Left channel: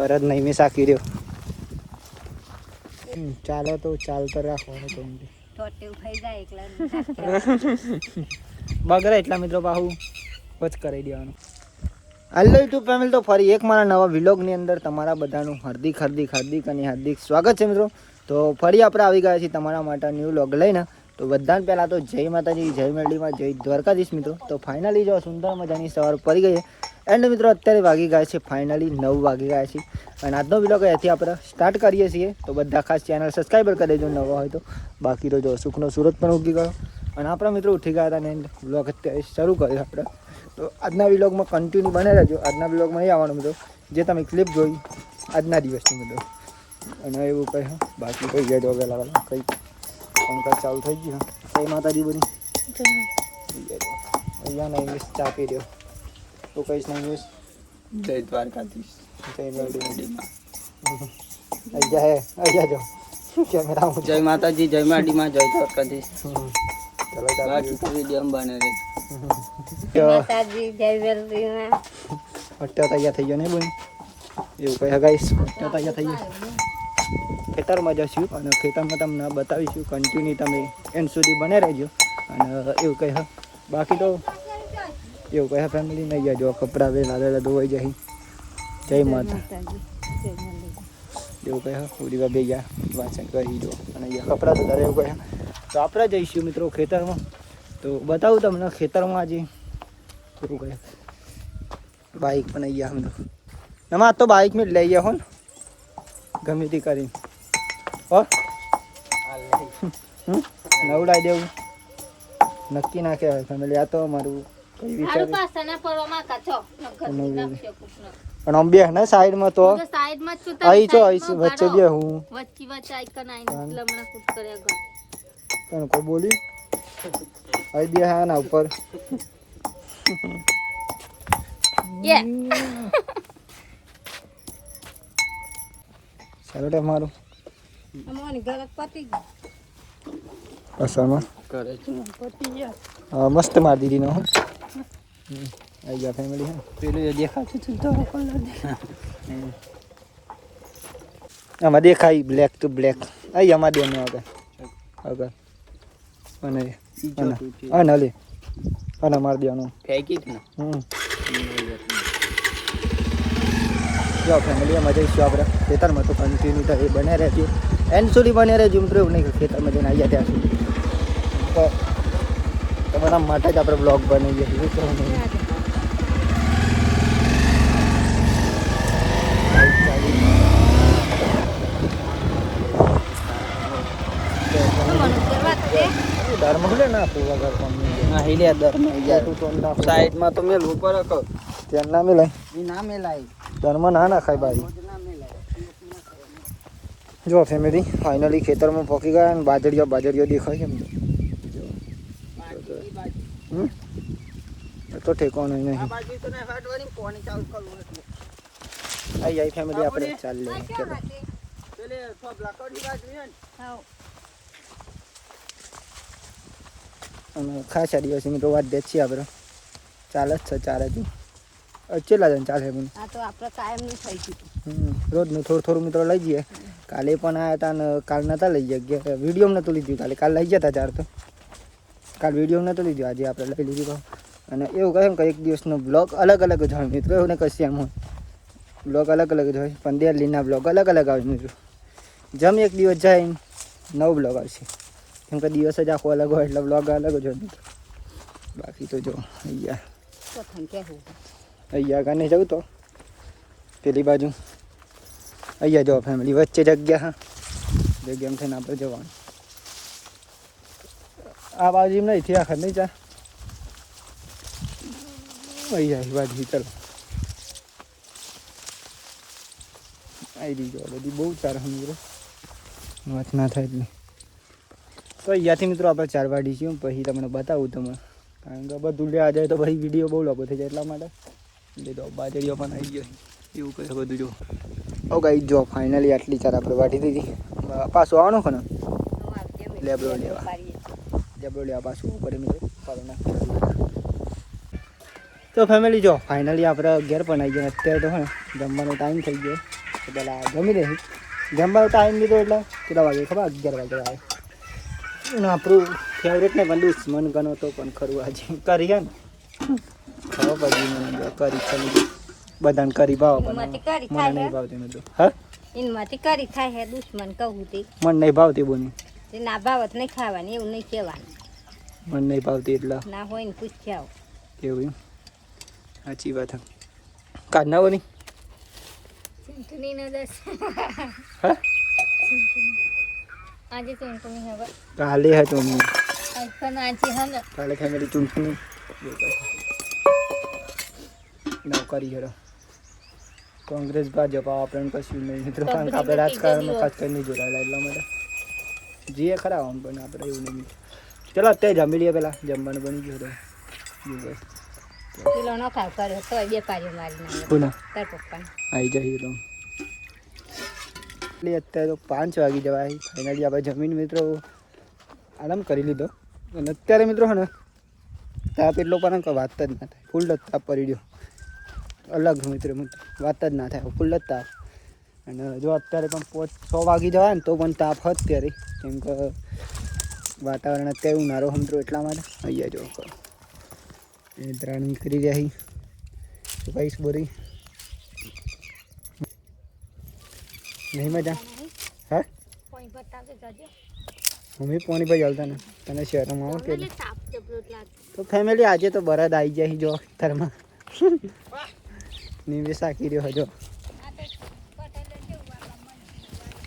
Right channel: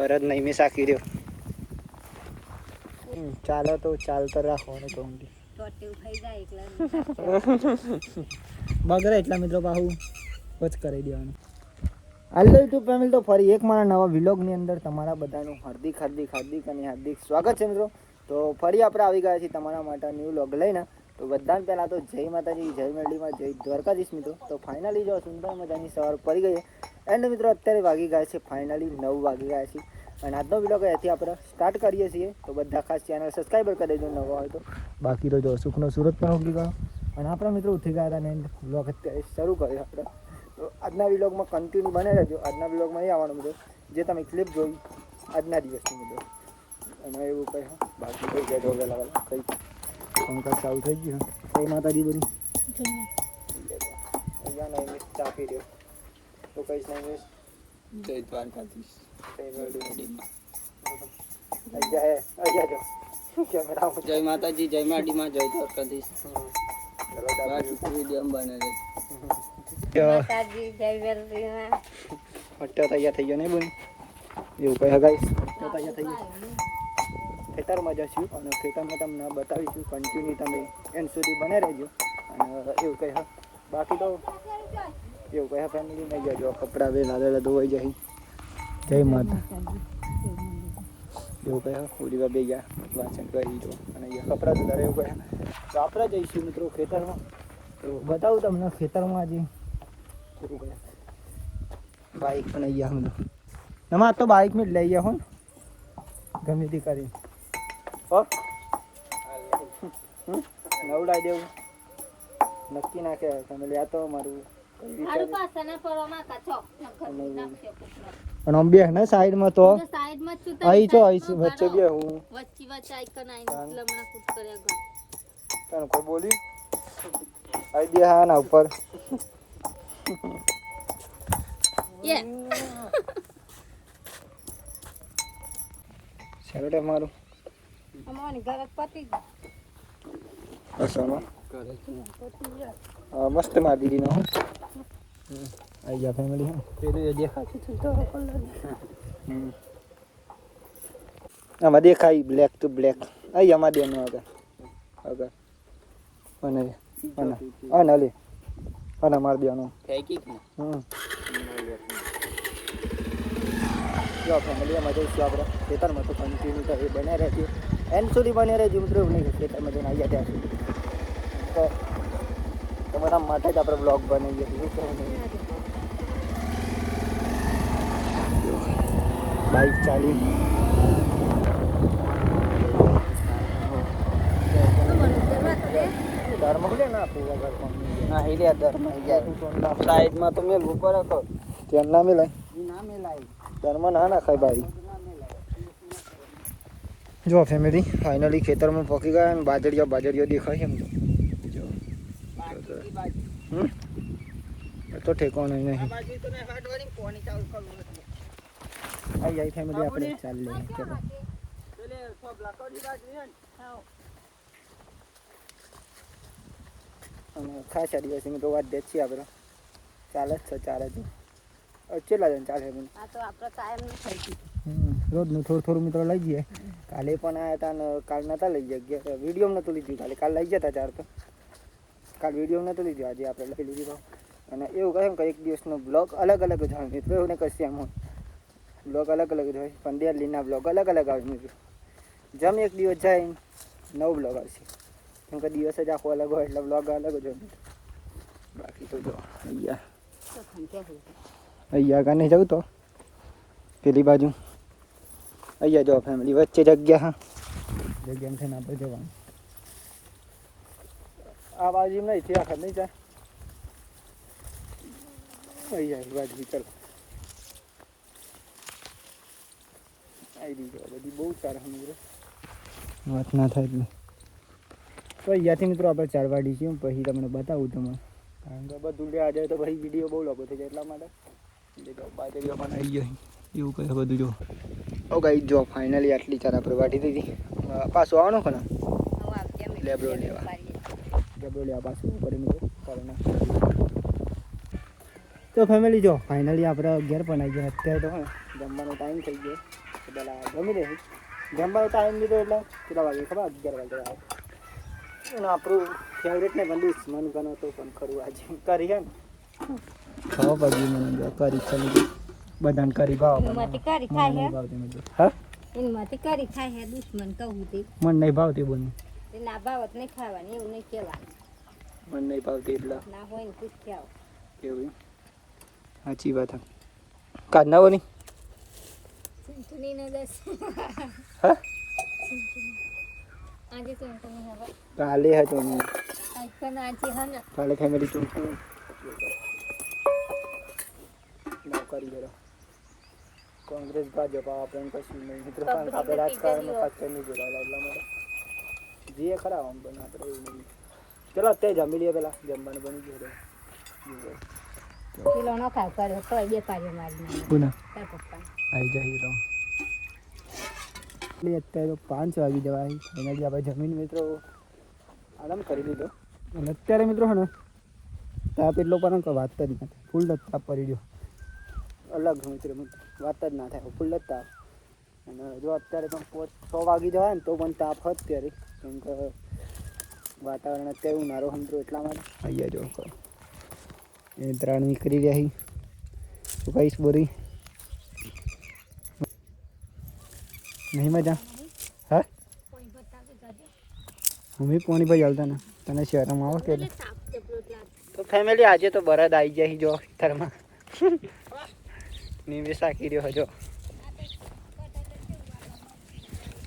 ભરત નહીં મેં સાકી રહ્યો. ચાલો તો ચાલતો રાખવાનું તો બગડે એટલા મિત્રો બાહુ વચ કરી દેવાનું. હાલો યુટ્યુબ ફેમિલી, તો ફરી એક મારા નવા વિલોગની અંદર તમારા બધાનું હાર્દિક સ્વાગત છે મિત્રો. તો ફરી આપણે આવી ગયા છીએ તમારા માટે ન્યૂ વ્લોગ લઈને. તો બધાને પહેલાં તો જય માતાજી, જય મેરડીમાં, જય દ્વારકાધીશ મિત્રો. તો ફાઇનલી જો સુંદર મજાની સવાર પડી ગઈ એન્ડ મિત્રો અત્યારે વાગી ગયા છે ફાઇનલી 9 વાગી ગયા છે. અને આજનો વિલોગ અહીંયાથી આપણે સ્ટાર્ટ કરીએ છીએ. તો બધા ખાસ ચેનલ સબસ્ક્રાઈબર કરી દેજો નવા હોય તો. બાકી તો જો સુખનો સુરત પણ ઉગી ગયો અને આપણા મિત્રો ઉઠી ગયા હતા ને વ્લોગ અત્યારે શરૂ કર્યો આપણે. તો આજના વિલોગમાં કન્ટિન્યુ બને રહેજો. આજના વિલોગમાં નહીં આવવાનું મિત્રો જે તમે ક્લિપ જોઈ આજના દિવસની મિત્રો. અને એવું કંઈ બાકી કંઈ જાય તો વહેલા કંઈ કામકાજ ચાલુ થઈ ગયું. કઈ માતાજી બધી અહીંયા નહીં મિસ ચા પી રહ્યો તો કહીશ નહીં મિસ જય દ્વારકાધીશ, જય મેરડીમાં. અહીંયા અહીંયા જો કેમેરા જય માતાજી, જય માડીમાં, જય દ્વારકાધીશ. ચલો બાકી તો વિડીયો બને રહે. અટ્ટા તૈયાર થઈ ગયો ને બોલ એવું કહે ગાઈસ. અટ્ટા તૈયાર થઈ ગયો. ખેતરમાં જશું અને ખેતરમાં તમને બતાવીશું. કન્ટિન્યુ તમે એન્ડ સુધી બને રહેજો. અને એવું કહે બાકી તો એવું કહે ફેમિલી નહીં જજો. કપડાં વેલા ધોવાઈ જાય. જય માતા એવું કહે પૂરી બે ગયા વાંચન કરી દો અને અહીંયા કપડાં ધોતા એવું કહે. તો આપણે જઈશું મિત્રો ખેતરમાં. તો બતાવું તમને ખેતરમાં આજે શું કહે બાઇક પણ અહીંયા મિત્રો એમાં તો બાઇક મેં લઈ ગયા હો ને ગમે તે કરી નવડાવી દેવું નક્કી ના કહેવાય ફેમિલી. આ તો મારું પણ આમ બે ને સાઈડમાં તો અહીં છો અહીં વચ્ચે બે હું પણ કોઈ બોલી અહીં બે હા ના ઉપર ચાલો મારું મસ્ત મારી દીધી નો આવી ગયા ફેમિલી. હા પેલું દેખાતું આમાં દેખાય બ્લેક ટુ બ્લેક. અહીં આમાં દે આગળ આગળ અને અને લે અને મારી દેવાનું ફેંકી જો ફેમિલી એમાં જઈશું આપણે ખેતરમાં. તો કન્ટિન્યુ તો એ બને રહેજો એન્ડ સુધી બને રહેજો મિત્રો. એવું નહીં કે ખેતરમાં જઈને આવ્યા ત્યાં સુધી તો તમારા માટે જ આપણે બ્લોગ બનાવીએ છીએ. બાઈક ચાલી સાઈડમાં તો મેલ ઉપર રાખો. ત્યાં ના મેલાય ના મેલાય દરમાં ના નાખાય ભાઈ. જો ફેમિલી ફાઇનલી ખેતરમાં પહોંચી ગયા અને બાજરીઓ દેખાય એમ તો ઠેકવાનો નહીં. અહીં ફેમિલી આપણે ચાલી ચલો. અને ખાસા દિવસ મિત્રો વાત દે છીએ આપણે ચાલે જ છે ચાલે છે. કેટલા જણ ચાલે પણ રોજનું થોડું મિત્રો લઈ જઈએ. કાલે પણ આવ્યા હતા ને કાલ નહોતા લઈ ગયા. વિડીયો નહોતું લીધું કાલ લઈ ગયા હતા ચાર તો કાલ વિડીયો નહોતું લીધું. આજે આપણે લઈ લીધું. અને એવું કહે કે એક દિવસનો બ્લોગ અલગ જ હોય મિત્રો. એવું ને કશું એમ હોય બ્લોગ અલગ જ હોય પણ ડેલીના બ્લોગ અલગ આવે મિત્રો. જેમ એક દિવસ જાય નવો બ્લોગ આવશે. કેમ કે દિવસ જ આખો અલગ હોય એટલે બ્લોગ અલગ જ હોય મિત્રો. બાકી તો જો અહીંયા કાને જવું તો પેલી બાજુ અહીંયા જો ફેમિલી વચ્ચે જગ્યા જગ્યામાં થઈને આપણે જવાનું. આ બાજુ એમ નહીં આખર નહીં ચા અહીંયા બાજુ ચાલો આવી દીધો બધી બહુ સારા મિત્રો વાત ના થાય એટલે. તો અહીંયાથી મિત્રો આપણે 4 વાડી છીએ. પછી તમને બતાવું તમને કારણ કે બધું લેવા જાય તો પછી વિડીયો બહુ લાંબો થઈ જાય એટલા માટે. લીધો બાજરીઓ પણ આવી ગયો એવું કહે બધું જો. ઓ ગાઈ જો ફાઇનલી આટલી ચાર આપણે વાટી દીધી. પાછું આવવાનું કે ને લેબડો લેવા પાછું ઉપર મિત્રો. તો ફેમિલી જો ફાઇનલી આપણે ઘેર પણ આવી ગયા. અત્યારે તો જમવાનો ટાઈમ થઈ ગયો તો પેલા જમી લઈશું. જમવાનો ટાઈમ લીધો એટલે કેટલા વાગે ખબર 11 વાગે આવે. અને આપણું ફેવરેટ ને પણ દુશ્મન ગણો તો પણ ખરું આજે કરી હે ને ખબર પડી મને કરી ખાલી બધાને કરી ભાવ મને નહીં ભાવતી મિત્રો. હા ઇનમાંથી કરી થાય હે દુશ્મન કહું તે મને નહીં ભાવતી બોની તે ના ભાવત નહીં ખાવાની એવું નહીં કહેવાનું મને નહીં ભાવતી એટલે ના હોય ને પૂછ્યા એવું એમ સાચી વાત હા. કાઢ ના બોની ચૂંટણીનો દસ હા આજે ચૂંટણી હવે કાલે હતો મેં આજ પણ આજે હવે કાલે ફેમિલી ચૂંટણી નવકારી હેરો કોંગ્રેસ ભાજપ આપણને કશું નહીં મિત્રો કારણ કે આપણે રાજકારણમાં ખાસ કરીને નહીં જોડાયેલા એટલા માટે જીએ ખરા આમ પણ આપણે એવું નહીં. ચલો અત્યારે જમી લઈએ પેલા જમવાનું બની ગયું કિલો ન ખાવ કર્યો તો બે પારી મારી નાખે પુના તાર પપ્પાને આવી જાય હીરો એટલે અત્યારે તો 5 વાગી જવાય ફાઇનલી આપણે જમીન મિત્રો આરામ કરી લીધો અને અત્યારે મિત્રો હે ને તાપ એટલો પણ કે વાત જ ના થાય ફૂલ જ તાપ પડી ગયો અલગ મિત્રો વાત જ ના થાય ફૂલ જ તાપ. અને જો અત્યારે પણ 6 વાગી જવાય ને તો પણ તાપ હોત ત્યારે કેમ કે વાતાવરણ અત્યારે ઉનાળો સમજો એટલા માટે અહીંયા જો એ ત્રણ નીકળી ગયા શું કહીશ બોરી નહીં મજા હા કોઈ બતાવે જજો મમ્મી પોણી ભાઈ ચાલતા ને તને શહેરમાં આવો કે તાપ જબરો લાગે તો ફેમિલી આજે તો બરદ આવી જાય જો ખેતરમાં નીવે સાકી રહ્યો હજો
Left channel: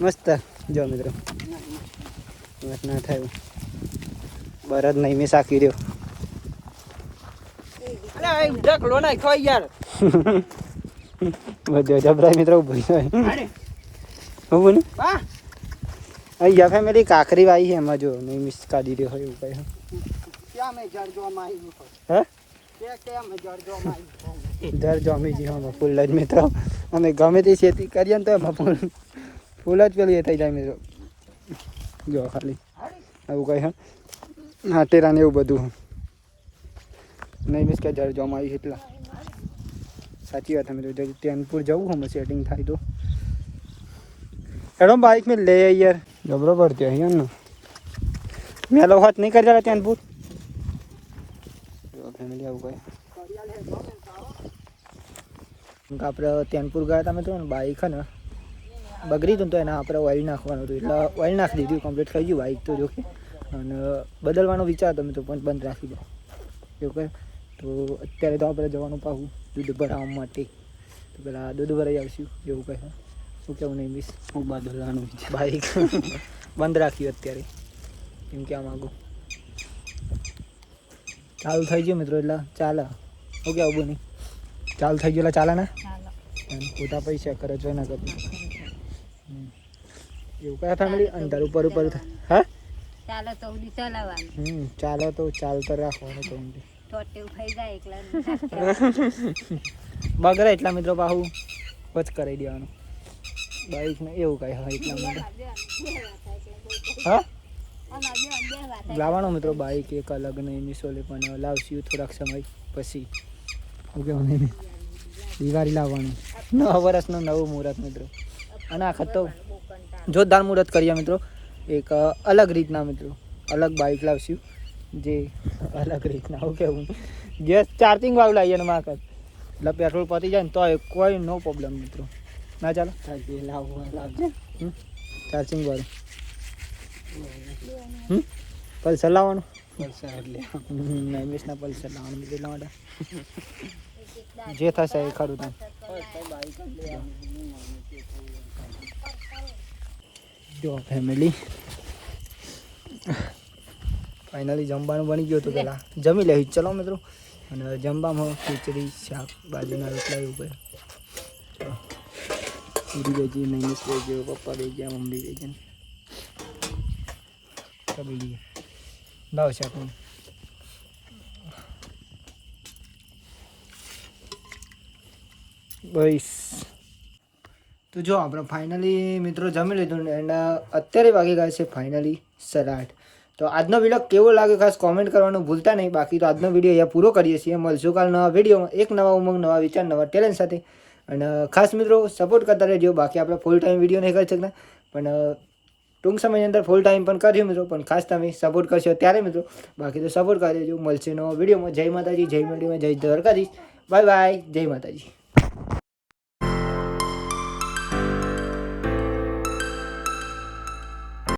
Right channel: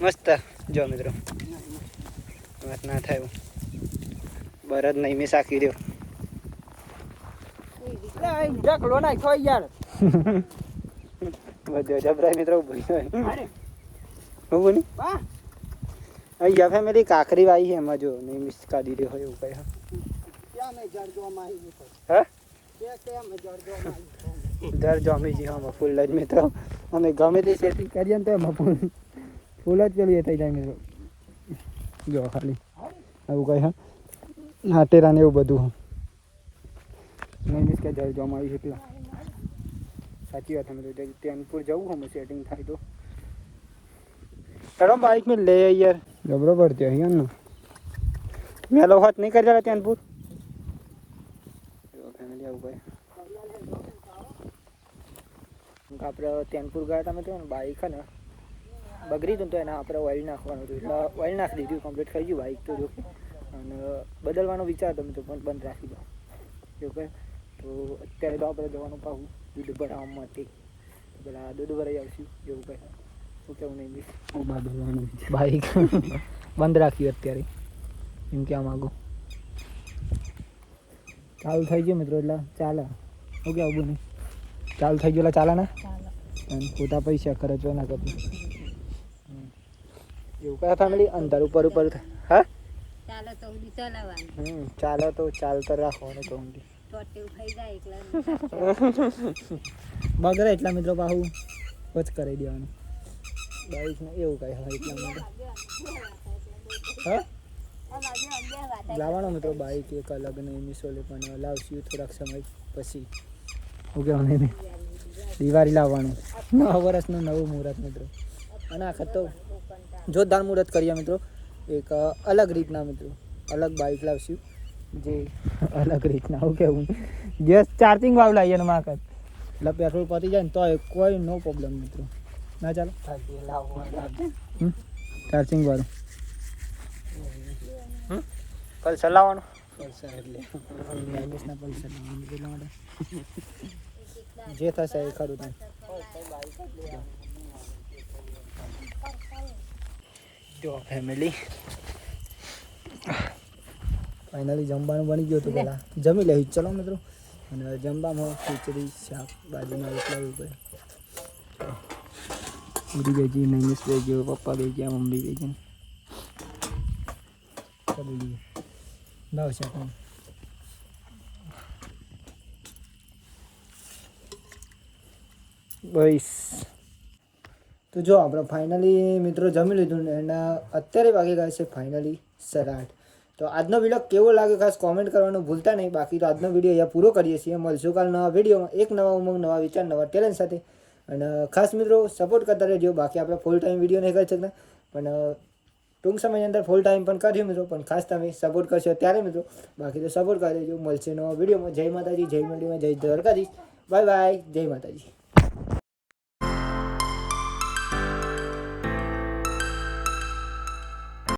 મસ્ત જો મિત્રો વાત ના થયું બરદ નહીં મેં સાકી રહ્યો ઢકલો ના ખાઈ યાર બધો જબરાઈ મિત્રો ઉભી હોય હું ને અહીંયા ફેમિલી કાકરી વાઈ છે એમાં જો નહીં મિસ કાઢી રહ્યો હોય એવું કઈ ક્યાં મેં જડજો માઈ હે ક્યાં મેં જડજો માઈ દર જમીજી હા ફૂલ જ મિત્રો અમે ગમે તે ખેતી કરીએ ને તો એમાં ફૂલ જ પેલું એ થઈ જાય મિત્રો જો ખાલી એવું કહે હા ટેરા ને એવું બધું નહીં મિસ કે જળ જમા આવી એટલા સાચી વાત મિત્રો જો ટેનપુર જવું હમ સેટિંગ થાય તો એનો બાઇક મેં લે યાર જબરો પડતી અહીં ને મેલો હાથ નહીં કરી ટેનપુર ફેમિલી આવું કહે આપણે ટેનપુર ગયા હતા મિત્રો બાઇક હે ને બગડી હતું તો એના આપણે ઓઇલ નાખવાનું હતું એટલે ઓઇલ નાખી દીધું કમ્પ્લીટ થઈ ગયું બાઇક તો જોકે અને બદલવાનો વિચાર હતો મિત્રો પણ બંધ રાખી દો જોકે તો અત્યારે તો આપણે જવાનું પાછું દૂધ ભરાવવા માટે તો પેલા દૂધ ભરાઈ આવશું એવું કહે શું કેવું નહીં મિસ બદલવાનું બાઇક બંધ રાખ્યું અત્યારે એમ કહેવા માગું ચાલુ થઈ ગયું મિત્રો એટલે ચાલે શું કહેવું બોની ચાલુ થઈ ગયું એટલે ચાલે ને ખોટા પૈસા ખર્ચવા ના કરતું એવું કયા ફેમિલી અંદર ઉપર હા ચાલો તો ઉડી ચલાવવાનું ચાલો તો ચાલતો રાખવાનું તો ટોટેવ થઈ જાય એકલા બગડે એટલા મિત્રો પાછું વચ કરાવી દેવાનું બાઈક ને એવું કઈ હોય એટલા માટે હા લાવવાનો મિત્રો બાઈક એક અલગ નહીં મિસોલે પણ લાવશું થોડાક સમય પછી ઓકે નહીં દિવાળી લાવવાનું નવા વર્ષનું નવું મુહૂર્ત મિત્રો અને આખા તો જોરદાર મુહૂર્ત કરીએ મિત્રો એક અલગ રીતના મિત્રો અલગ બાઇક લાવશું જે અલગ રીતના હું કેવું ગેસ ચાર્જિંગ વાળું લાવીએ ને માકત એટલે પેટ્રોલ પતી જાય ને તો કોઈ નો પ્રોબ્લેમ મિત્રો ના ચાલો ચાર્જિંગ વાળું પલ્સર લાવવાનું પલ્સર એટલે એમએસના પલ્સર લાવવાનું એટલા માટે જે થશે એ ખરું તમે જો ફેમિલી ફાઇનલી જમવાનું બની ગયું હતું પહેલાં જમી લઈ ચલો મિત્રો અને જમવામાં ખીચડી શાક બાજુના રોટલા એવું કરે પૂરી વેજી નૈમિષ વેજ્યો પપ્પા વેજ્યા મમ્મી વેજ્યા લાવ શાક બસ તો જો આપણે ફાઇનલી મિત્રો જમી લીધું ને એના અત્યારે વાગી ગયા છે ફાઇનલી 8:30 તો આજનો વિડીયો કેવો લાગ્યો ખાસ કોમેન્ટ કરવાનું ભૂલતા નહીં બાકી તો આજનો વિડીયો અહીંયા પૂરો કરીએ છીએ મળશું કાલ નવા વિડીયોમાં એક નવા ઉમંગ નવા વિચાર નવા ટેલેન્ટ સાથે અને ખાસ મિત્રો સપોર્ટ કરતા રહેજો. બાકી આપણે ફૂલ ટાઈમ વિડીયો નહીં કરી શકતા, પણ ટૂંક સમયની અંદર ફૂલ ટાઈમ પણ કર્યો મિત્રો. પણ ખાસ તમે સપોર્ટ કરશો ત્યારે મિત્રો. બાકી તો સપોર્ટ કરી દેજો. મળશે નવો વિડીયોમાં. જય માતાજી, જય મંડીમાં, જય દ્વારકાધીશ. બાય બાય, જય માતાજી.